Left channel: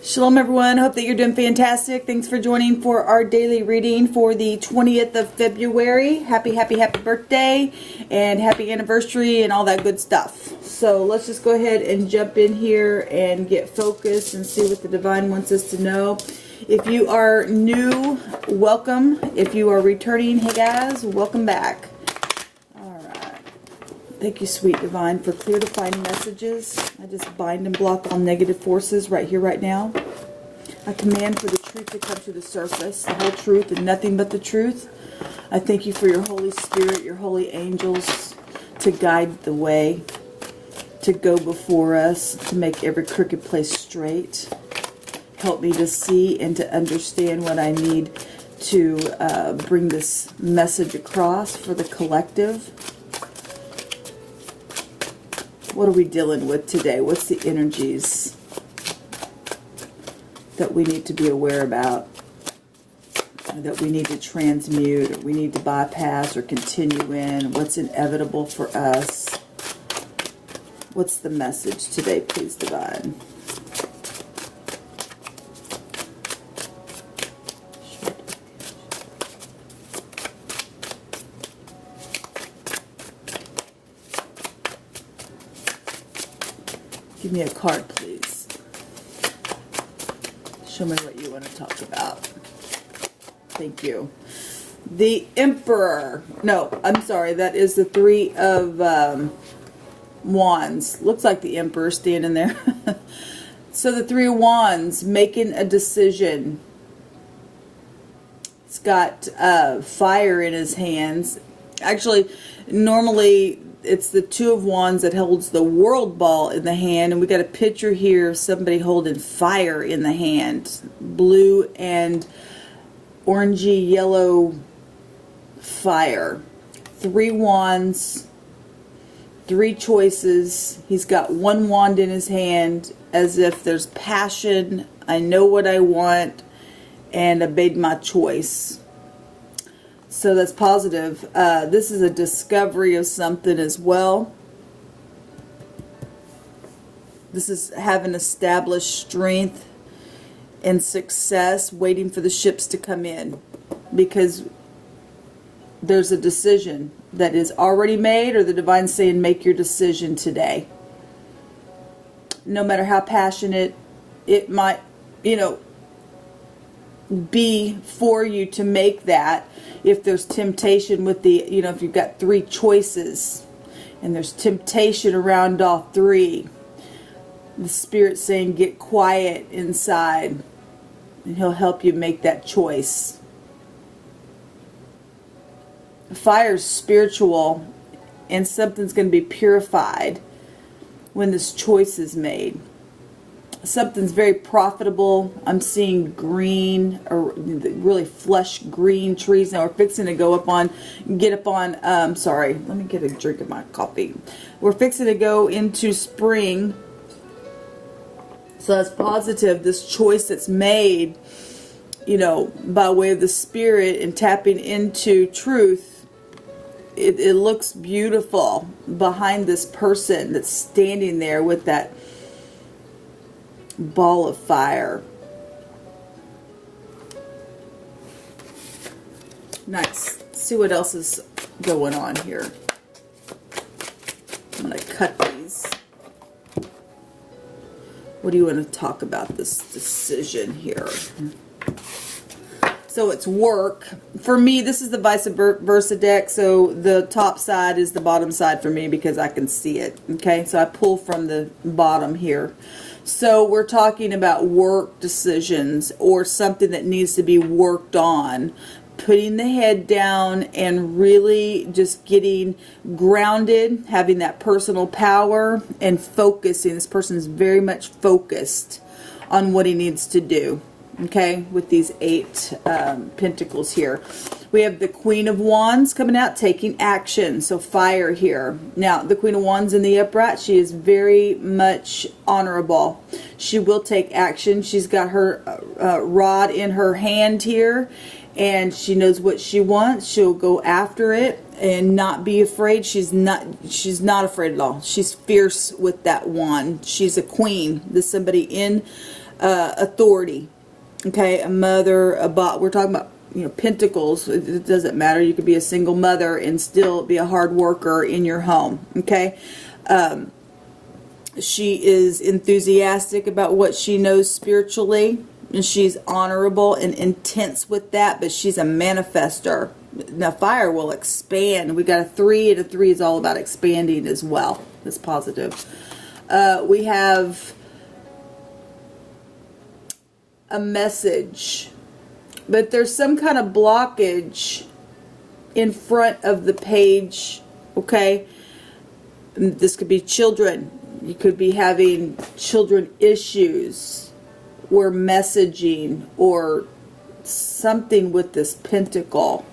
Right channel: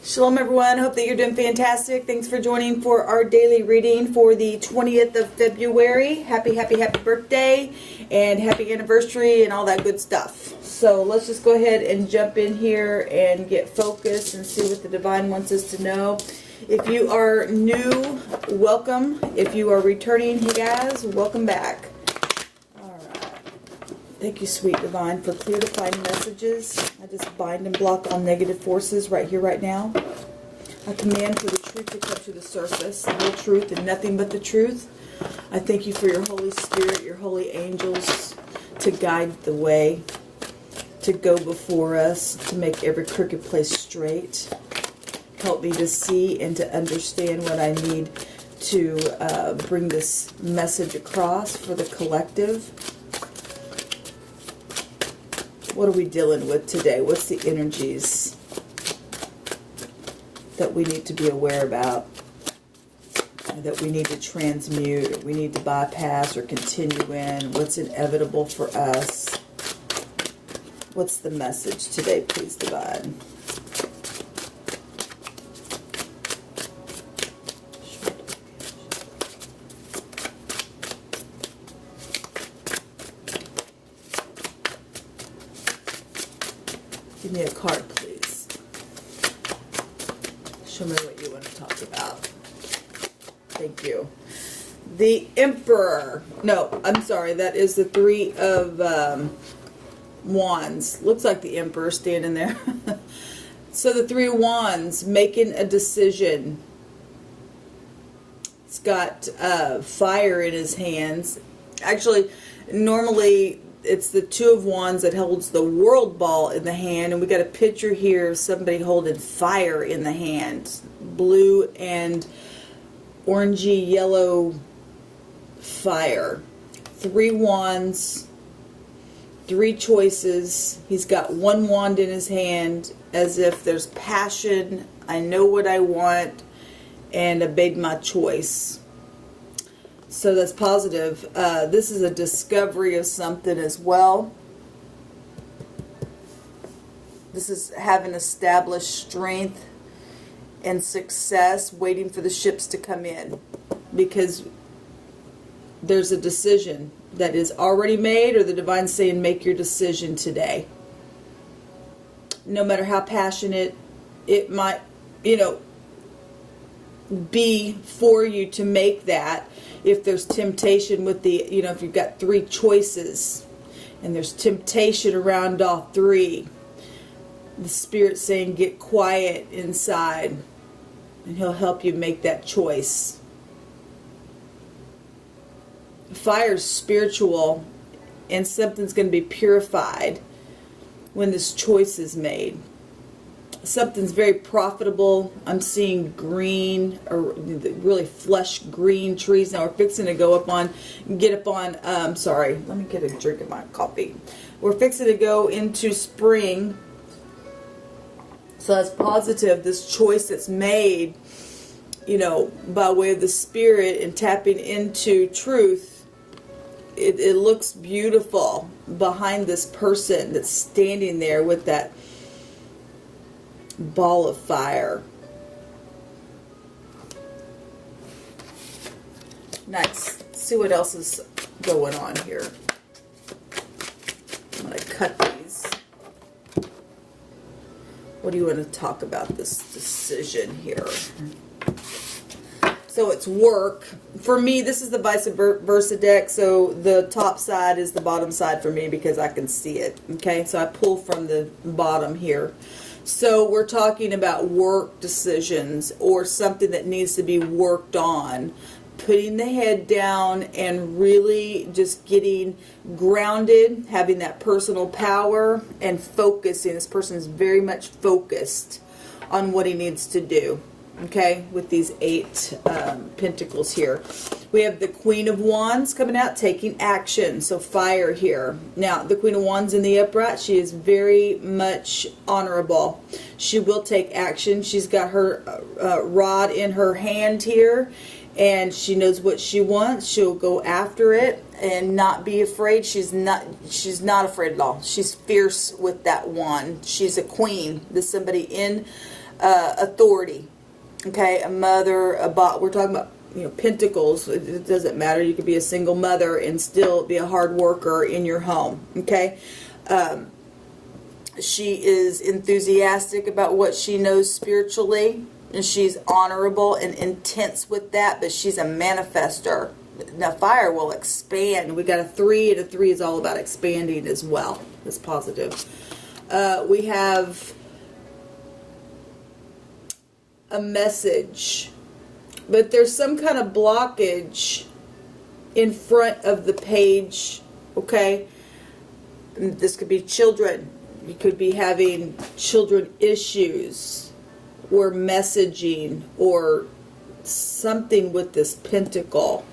Shalom everyone, hope that you're doing fantastic. Thanks for joining for our daily reading for the 20th of February. Happy birthday and happy anniversary and all that good stuff. So let's just go ahead and jump in here and get focused and see what the divine wants us to know. If you are new, welcome. If you are returning, hey guys, welcome back. Thank you, sweet divine, for clear defining messages. I just bind and block all negative forces right here, right now. I command for the truth to come to the surface, the whole truth and nothing but the truth. I thank you for your Holy Spirit, your holy angels, to guide the way, to go before us, to make every crooked place straight. Help me to see and to understand what I need to bring this message across for the collective. What are we dealing with today? What's the energies that we need to be aware about, that we need to transmute, that we need to bypass or continue in? What's inevitable for us? What's the message today, please, divine? Give me a card, please. Show me what you want to talk about. Thank you. The Emperor. No, I'm sorry. That is the Three of Wands. Looks like the Emperor standing there. So the Three of Wands, making a decision. It's got fire in his hands. Actually, normally it's the Two of Wands that holds the world ball in the hand, and we got a picture here of somebody holding fire in the hand, blue and orangey yellow fire. Three wands, three choices. He's got one wand in his hand, as if there's passion. I know what I want, and I made my choice. So that's positive. This is a discovery of something as well. This is having established strength and success, waiting for the ships to come in. Because there's a decision that is already made, or the divine's saying, make your decision today. No matter how passionate it might, be for you to make that. If there's temptation with the, if you've got three choices and there's temptation around all three, the Spirit's saying get quiet inside and He'll help you make that choice. Fire's spiritual, and something's going to be purified when this choice is made. Something's very profitable. I'm seeing green, or really flush green trees. Now we're fixing to go up on, sorry, let me get a drink of my coffee. We're fixing to go into spring. So that's positive. This choice that's made, by way of the Spirit and tapping into truth, it looks beautiful behind this person that's standing there with that ball of fire. Nice. Let's see what else is going on here. I'm going to cut these. What do you want to talk about this decision here? So it's work. For me, this is the vice versa deck. So the top side is the bottom side for me because I can see it. Okay, so I pull from the bottom here. So we're talking about work decisions, or something that needs to be worked on. Putting the head down and really just getting grounded, having that personal power and focusing. This person is very much focused on what he needs to do. Okay, with these 8 pentacles here. We have the Queen of Wands coming out, taking action. So fire here. Now, the Queen of Wands in the upright, she is very much honorable. She will take action. She's got her rod in her hand here, and she knows what she wants. She'll go after it. and not be afraid. She's not afraid at all. She's fierce with that one. She's a queen. This is somebody in authority. Okay, a mother, we're talking about, you know, pentacles. It doesn't matter. You could be a single mother and still be a hard worker in your home. Okay. She is enthusiastic about what she knows spiritually, and she's honorable and intense with that, but she's a manifester. Now, fire will expand. We got a 3, and a 3 is all about expanding as well. That's positive. We have a message, but there's some kind of blockage in front of the page. Okay. This could be children. You could be having children issues or messaging or something with this pentacle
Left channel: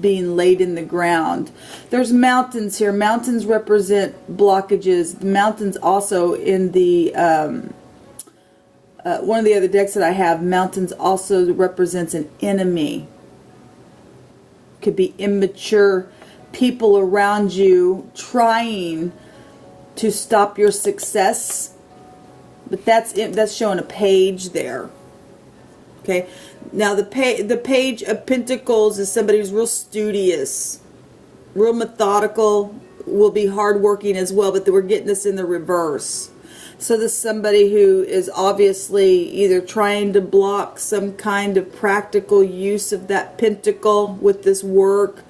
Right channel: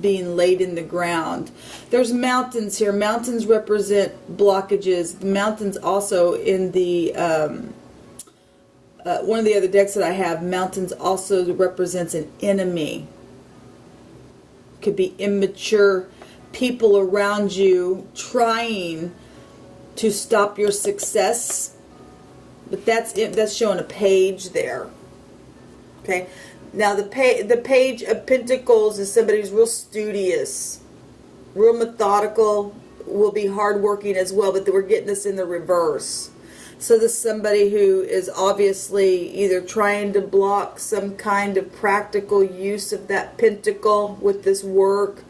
being laid in the ground. There's mountains here. Mountains represent blockages. The mountains also in the one of the other decks that I have, mountains also represents an enemy. Could be immature people around you trying to stop your success, but that's showing a page there. Okay, now the page of Pentacles is somebody who's real studious, real methodical, will be hardworking as well, but we're getting this in the reverse. So this is somebody who is obviously either trying to block some kind of practical use of that pentacle with this work.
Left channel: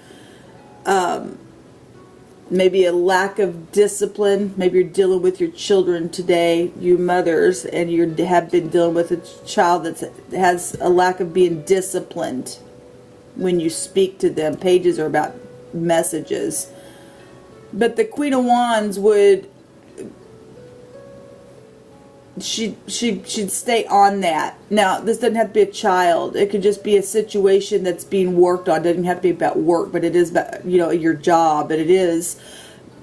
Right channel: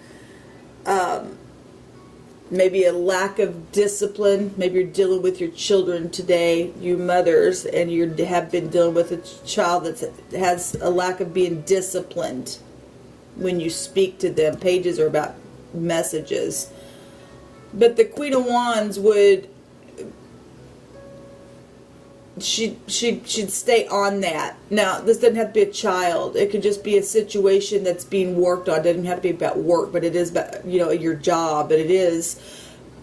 Maybe a lack of discipline. Maybe you're dealing with your children today, you mothers, and you have been dealing with a child that has a lack of being disciplined when you speak to them. Pages are about messages. But the Queen of Wands would, she'd stay on that. Now, this doesn't have to be a child. It could just be a situation that's being worked on. It doesn't have to be about work, but it is about, you know, your job. But it is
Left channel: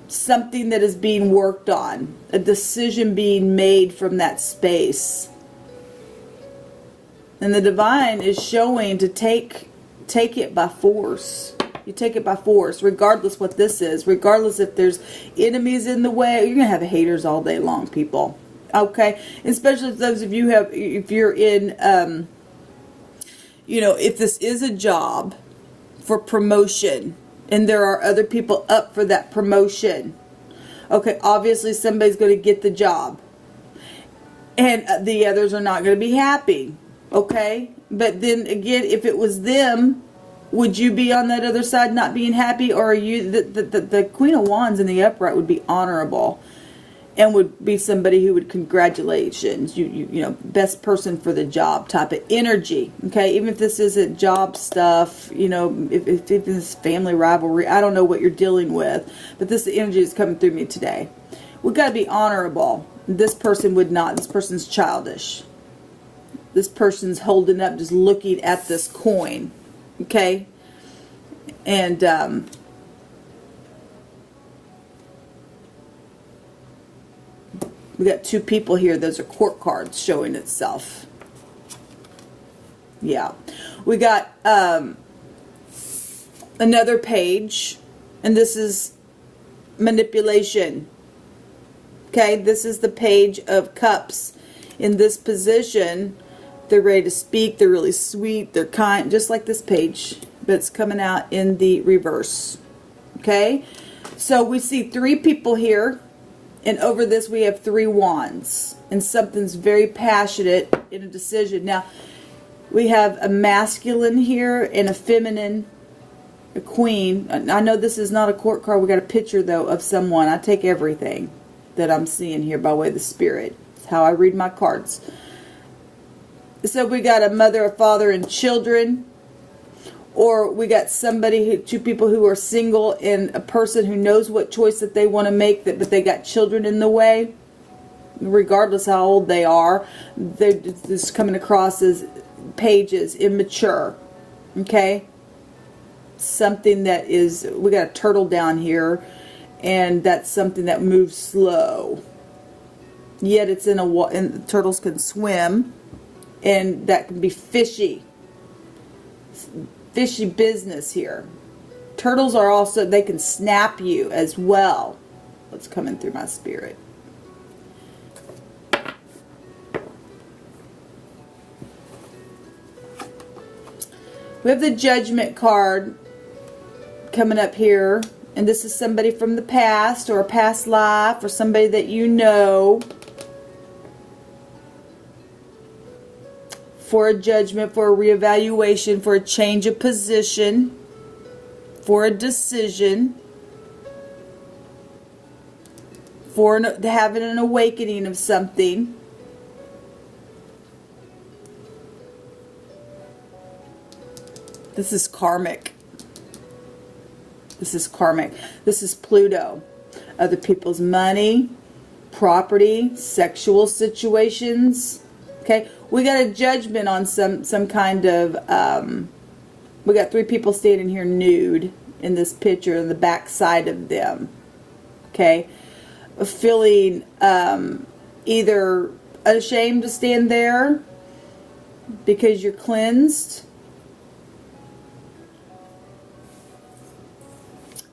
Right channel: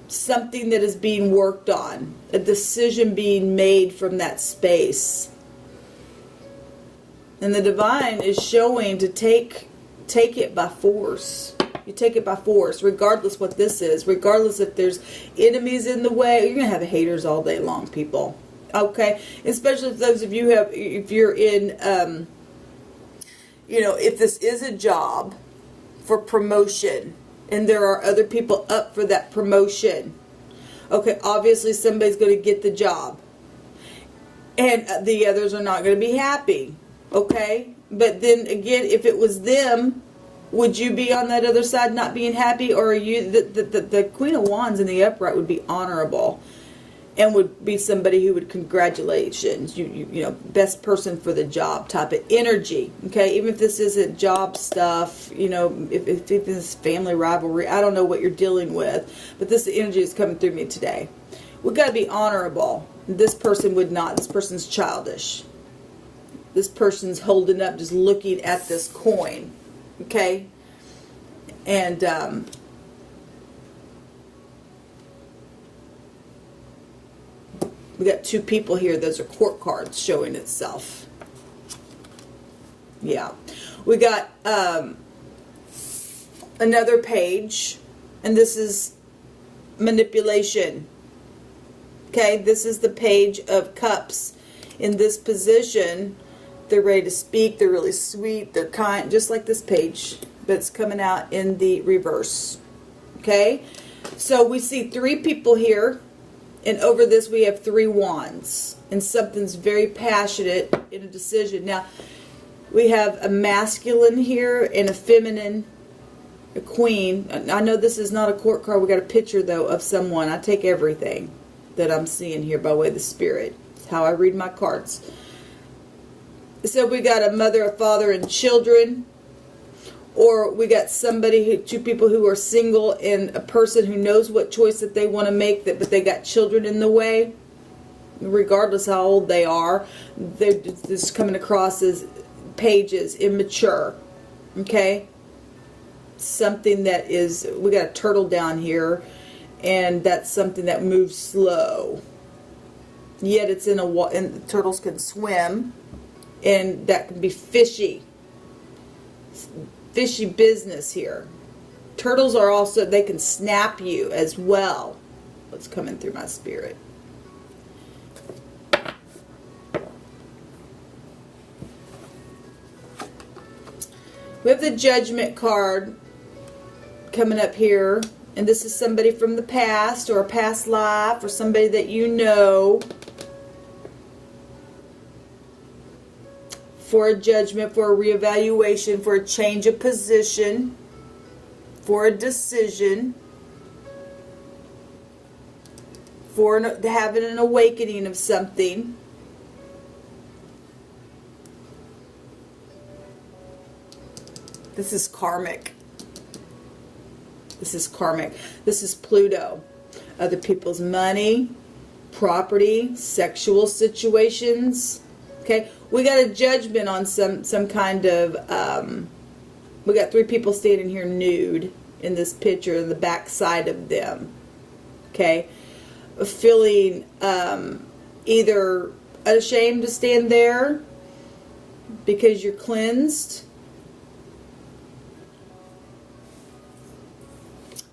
something that is being worked on. A decision being made from that space. And the divine is showing to take it by force. You take it by force, regardless what this is. Regardless if there's enemies in the way. You're going to have haters all day long, people. Okay, especially if those of you if you're in, you know, if this is a job for promotion and there are other people up for that promotion, okay, obviously somebody's going to get the job and the others are not going to be happy, okay? But then again, if it was them, would you be on that other side not being happy, or are you, the Queen of Wands in the upright would be honorable? And would be somebody who would, congratulations, you know, best person for the job type of energy. Okay, even if this isn't job stuff, you know, if this is family rivalry, I don't know what you're dealing with, but this energy is coming through me today. We've got to be honorable. This person would not. This person's childish. This person's holding up, just looking at this coin. Okay, and we got 2 people here. Those are court cards showing itself. Yeah. We got another page. And this is manipulation. Okay. This is the Page of Cups. In this position, they're ready to speak. They're really sweet. They're kind. Just like this page. But it's coming out in the reverse. Okay. So we see 3 people here. And over this we have 3 wands. And something's very passionate in a decision. Now, we have a masculine here and a feminine, a queen. I know this is not a court card. We got a picture, though, of someone. I take everything that I'm seeing here by way of the spirit. It's how I read my cards. So we got a mother, a father, and children. Or we got somebody, 2 people who are single, and a person who knows what choice that they want to make, but they got children in the way. Regardless how old they are, this is coming across as pages, immature. Okay? Something that is, we got a turtle down here, and that's something that moves slow. Yet it's in a water, and turtles can swim, and that can be fishy. Fishy business here. Turtles are also, they can snap you as well. What's coming through my spirit? We have the Judgment card coming up here. And this is somebody from the past or a past life or somebody that you know. For a judgment, for a reevaluation, for a change of position, for a decision, for having an awakening of something. This is karmic. This is karmic. This is Pluto. Other people's money, property, sexual situations. Okay, we got a judgment on some kind of, we got 3 people standing here nude in this picture, in the back side of them. Okay, feeling either ashamed to stand there because you're cleansed,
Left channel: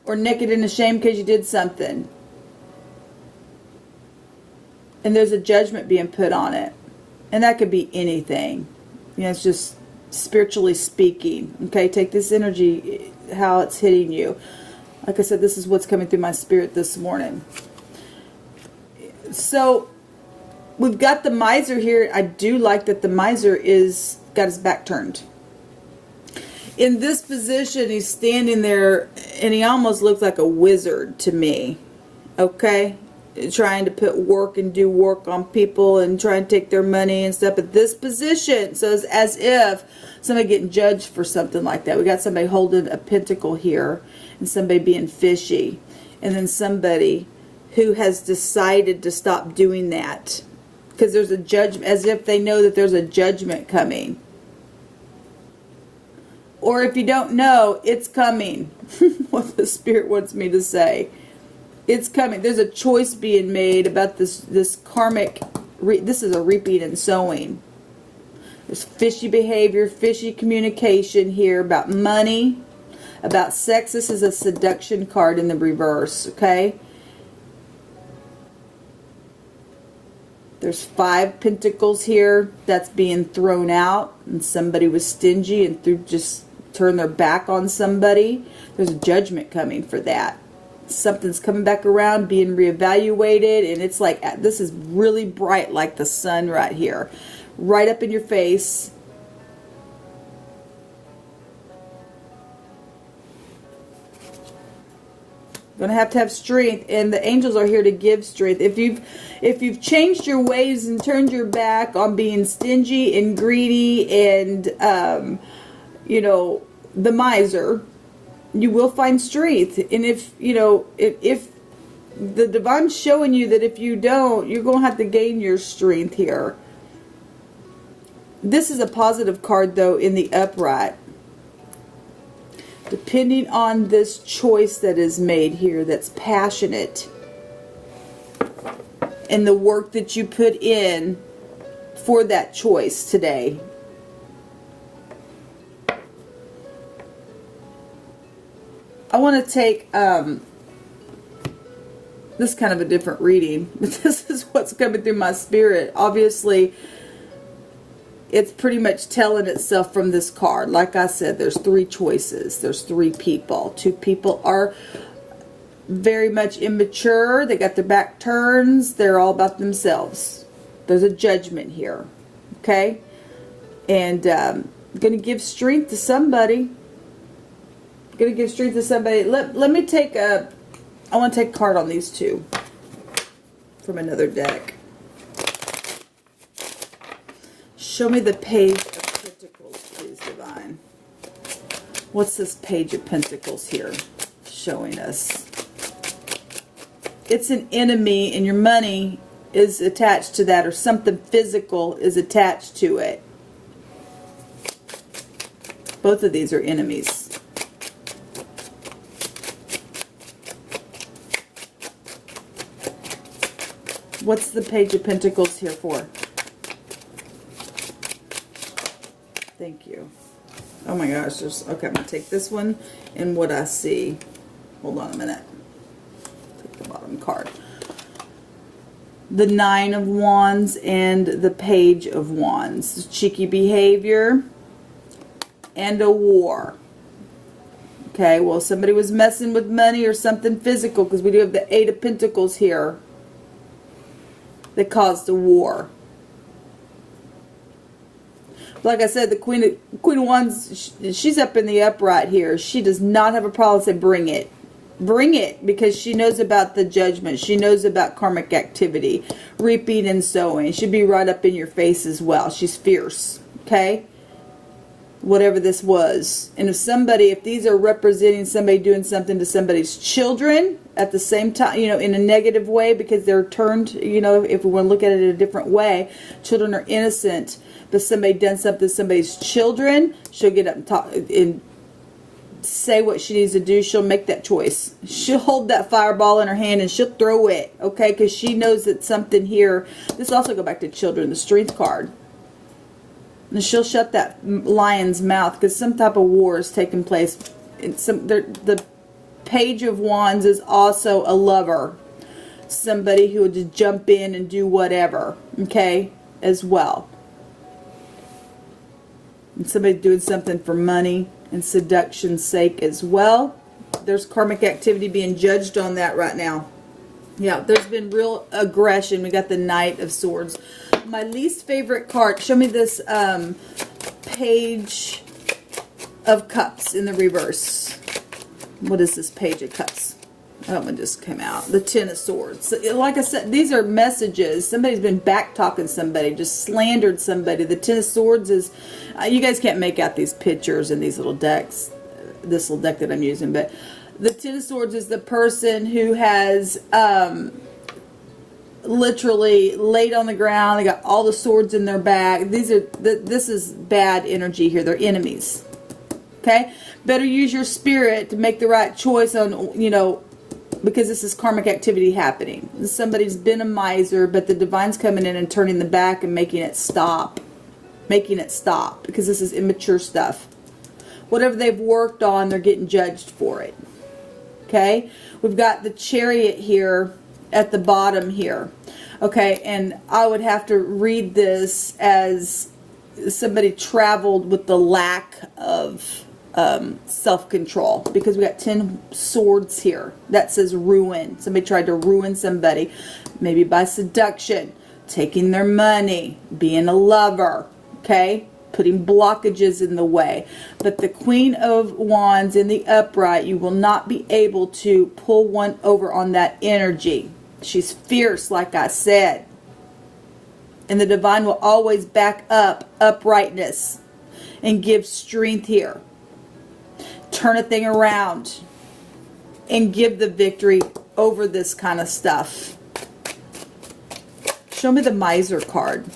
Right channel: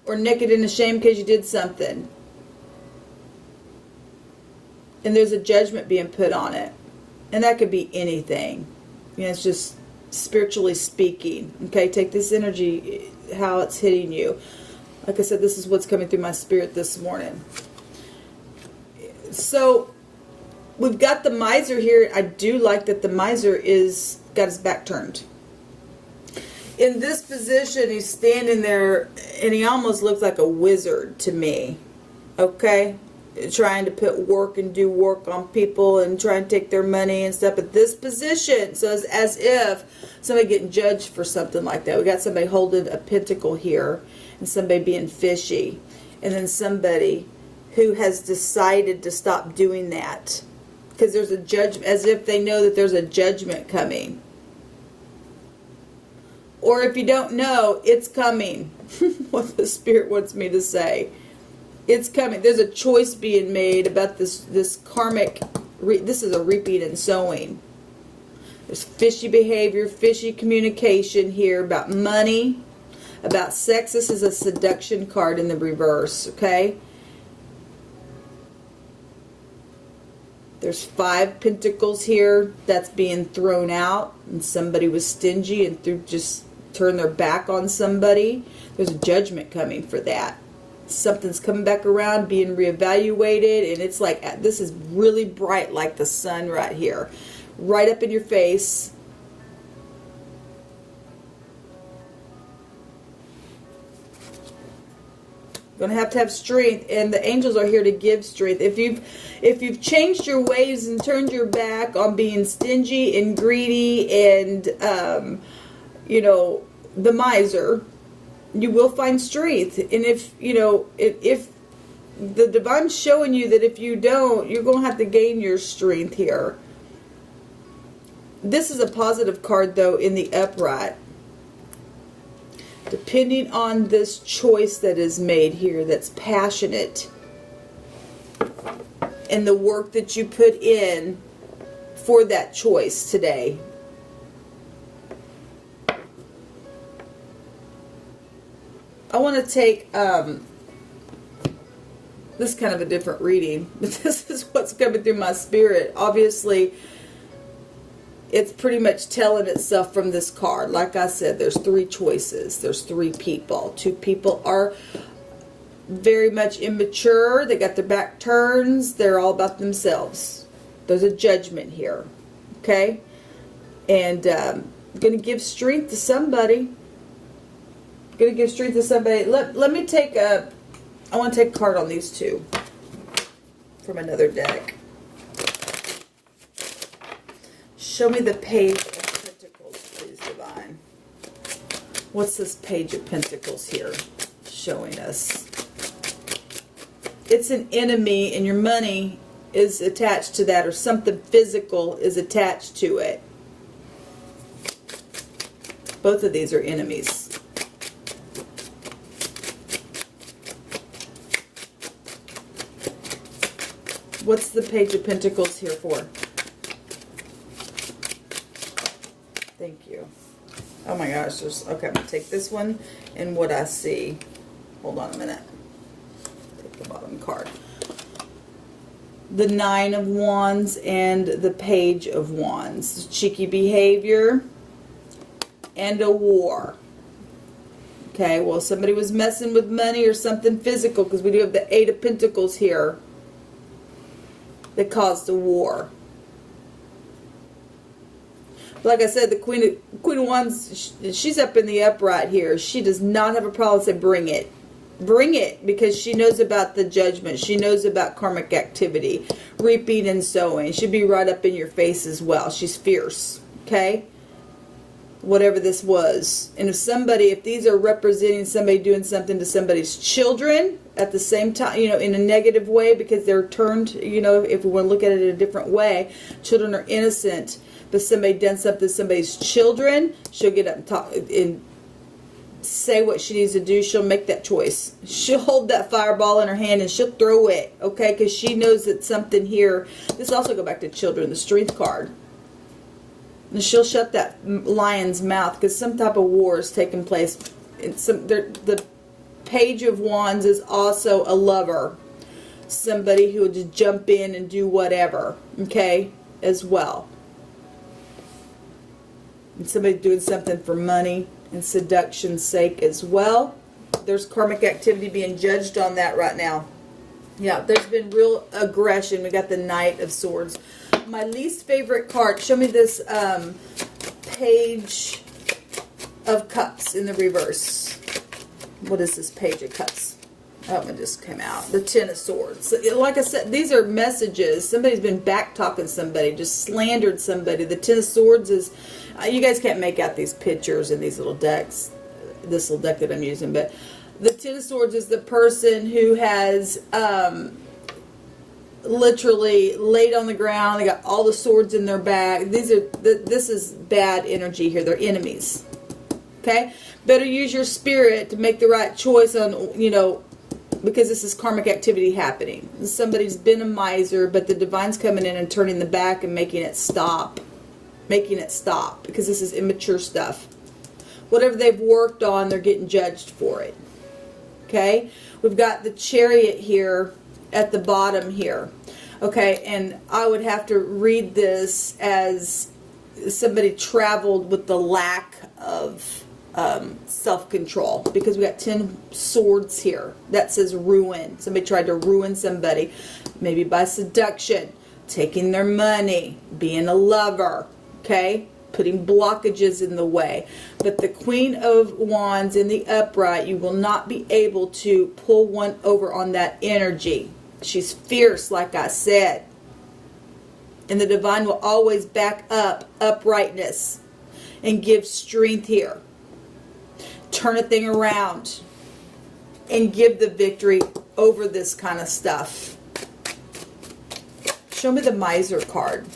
or naked and ashamed because you did something. And there's a judgment being put on it. And that could be anything. You know, it's just spiritually speaking. Okay, take this energy, how it's hitting you. Like I said, this is what's coming through my spirit this morning. So, we've got the miser here. I do like that the miser is got his back turned. In this position, he's standing there, and he almost looks like a wizard to me. Okay? Trying to put work and do work on people and try and take their money and stuff. But this position, so it's as if somebody getting judged for something like that. We got somebody holding a pentacle here and somebody being fishy. And then somebody who has decided to stop doing that. Because there's a judgment, as if they know that there's a judgment coming. Or if you don't know, it's coming. What the Spirit wants me to say. It's coming. There's a choice being made about this karmic. This is a reaping and sowing. There's fishy behavior, fishy communication here about money, about sex. This is a seduction card in the reverse, okay? There's 5 pentacles here. That's being thrown out. And somebody was stingy and just turned their back on somebody. There's a judgment coming for that. Something's coming back around, being reevaluated, and it's like, this is really bright like the sun right here. Right up in your face. You're going to have strength, and the angels are here to give strength. If you've changed your ways and turned your back on being stingy and greedy and, you know, the miser, you will find strength. And if the divine's showing you that if you don't, you're going to have to gain your strength here. This is a positive card, though, in the upright. Depending on this choice that is made here that's passionate, and the work that you put in for that choice today. I want to take this kind of a different reading. This is what's coming through my spirit. Obviously, it's pretty much telling itself from this card. Like I said, there's 3 choices. There's 3 people. 2 people are very much immature. They got their back turns. They're all about themselves. There's a judgment here. Okay? And I'm going to give strength to somebody. Going to give strength to somebody. Let me take I want to take a card on these 2 from another deck. Show me the Page of Pentacles, please, Divine. What's this Page of Pentacles here showing us? It's an enemy, and your money is attached to that, or something physical is attached to it. Both of these are enemies. What's the Page of Pentacles here for? Thank you. Oh my gosh, okay, I'm going to take this one and what I see. Hold on a minute. Take the bottom card. The Nine of Wands and the Page of Wands. Cheeky behavior and a war. Okay, well, somebody was messing with money or something physical, because we do have the Eight of Pentacles here that caused a war. Like I said, the Queen of Wands, she's up in the upright here. She does not have a problem saying, bring it. Bring it, because she knows about the judgment. She knows about karmic activity, reaping and sowing. She'll be right up in your face as well. She's fierce, okay? Whatever this was. And if these are representing somebody doing something to somebody's children at the same time, you know, in a negative way, because they're turned, you know, if we want to look at it in a different way, children are innocent. But somebody done something to somebody's children, she'll get up and talk and say what she needs to do. She'll make that choice. She'll hold that fireball in her hand and she'll throw it, okay? Because she knows that something here. This also go back to children, the Strength card. And she'll shut that lion's mouth because some type of war is taking place. The Page of Wands is also a lover. Somebody who would just jump in and do whatever, okay, as well. And somebody doing something for money and seduction's sake as well. There's karmic activity being judged on that right now. Yeah, there's been real aggression. We got the Knight of Swords. My least favorite card, show me this Page of Cups in the reverse. What is this Page of Cups? That one just came out. The Ten of Swords. So, like I said, these are messages. Somebody's been back-talking somebody, just slandered somebody. The Ten of Swords is, you guys can't make out these pictures in these little decks, this little deck that I'm using, but the Ten of Swords is the person who has literally laid on the ground. They got all the swords in their bag. This is bad energy here. They're enemies. Okay? Better use your spirit to make the right choice on, you know, because this is karmic activity happening. Somebody's been a miser, but the divine's coming in and turning the back and making it stop. Making it stop, because this is immature stuff. Whatever they've worked on, they're getting judged for it. Okay? We've got the Chariot here at the bottom here. Okay, and I would have to read this as somebody traveled with the lack of self-control, because we got 10 swords here. That says ruin. Somebody tried to ruin somebody, maybe by seduction, taking their money, being a lover, okay, putting blockages in the way. But the Queen of Wands in the upright, you will not be able to pull one over on that energy. She's fierce, like I said. And the divine will always back up uprightness and give strength here. Turn a thing around and give the victory over this kind of stuff. Show me the Miser card.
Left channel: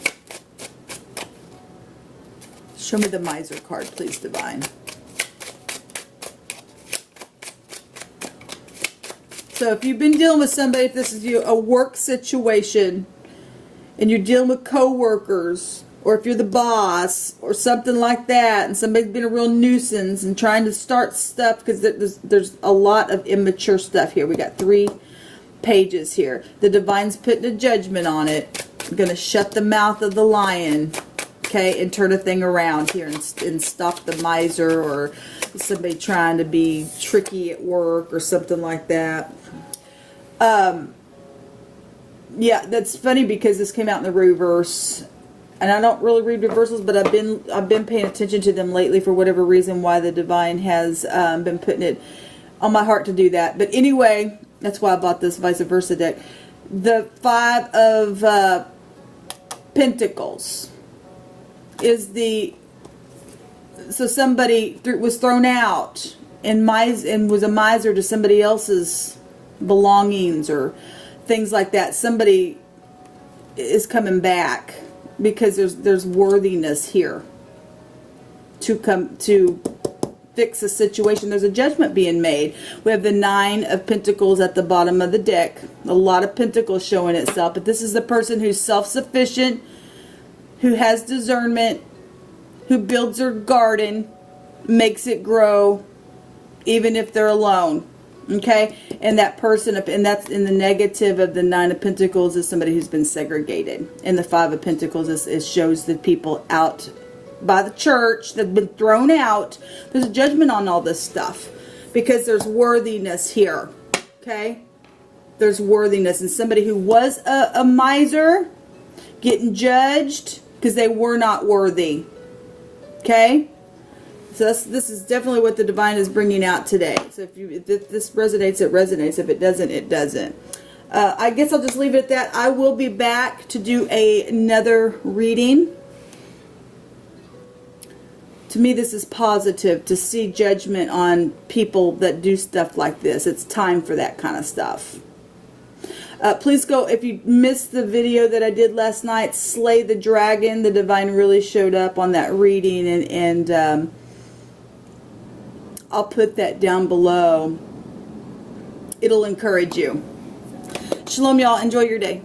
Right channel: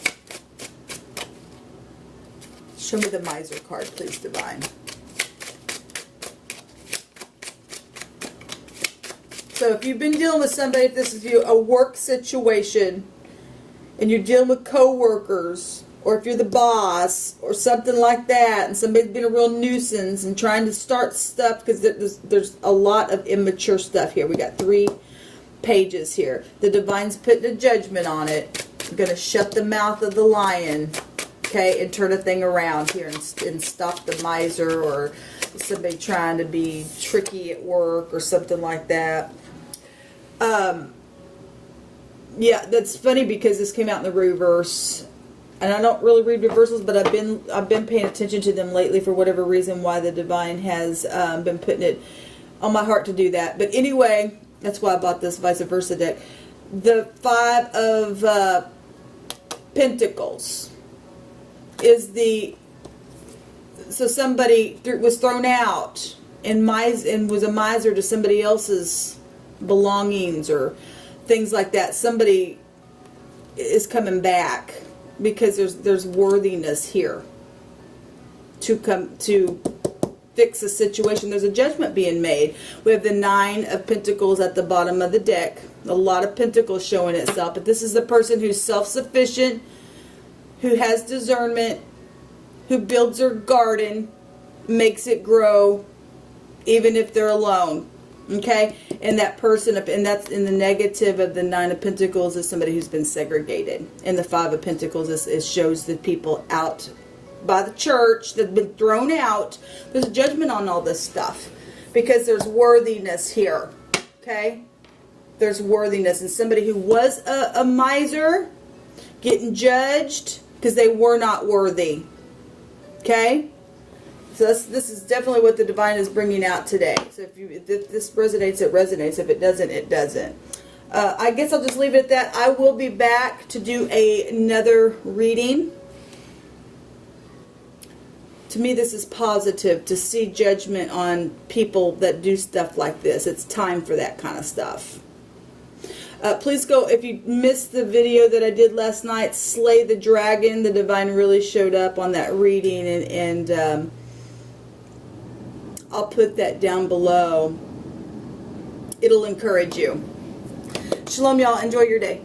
Show me the Miser card, please, divine. So if you've been dealing with somebody, if this is you, a work situation, and you're dealing with co-workers, or if you're the boss or something like that, and somebody's been a real nuisance and trying to start stuff, because there's a lot of immature stuff here. We got 3 pages here. The divine's putting a judgment on it. I'm going to shut the mouth of the lion, okay, and turn a thing around here and stop the miser or somebody trying to be tricky at work or something like that. Yeah, that's funny because this came out in the reverse. And I don't really read reversals, but I've been paying attention to them lately for whatever reason, why the divine has been putting it on my heart to do that. But anyway, that's why I bought this vice versa deck. The 5 of Pentacles is so somebody was thrown out and was a miser to somebody else's belongings or things like that. Somebody is coming back, because there's worthiness here to fix a situation. There's a judgment being made. We have the 9 of Pentacles at the bottom of the deck. A lot of Pentacles showing itself, but this is the person who's self-sufficient, who has discernment, who builds her garden, makes it grow, even if they're alone. Okay, and that person, and that's in the negative of the Nine of Pentacles, is somebody who's been segregated. And the Five of Pentacles is shows the people out by the church that have been thrown out. There's a judgment on all this stuff because there's worthiness here. Okay, there's worthiness, and somebody who was a miser getting judged because they were not worthy. Okay. So this is definitely what the divine is bringing out today. So if this resonates, it resonates. If it doesn't, it doesn't. I guess I'll just leave it at that. I will be back to do another reading. To me, this is positive to see judgment on people that do stuff like this. It's time for that kind of stuff. Please go, if you missed the video that I did last night, Slay the Dragon. The divine really showed up on that reading, and I'll put that down below. It'll encourage you. Shalom, y'all. Enjoy your day.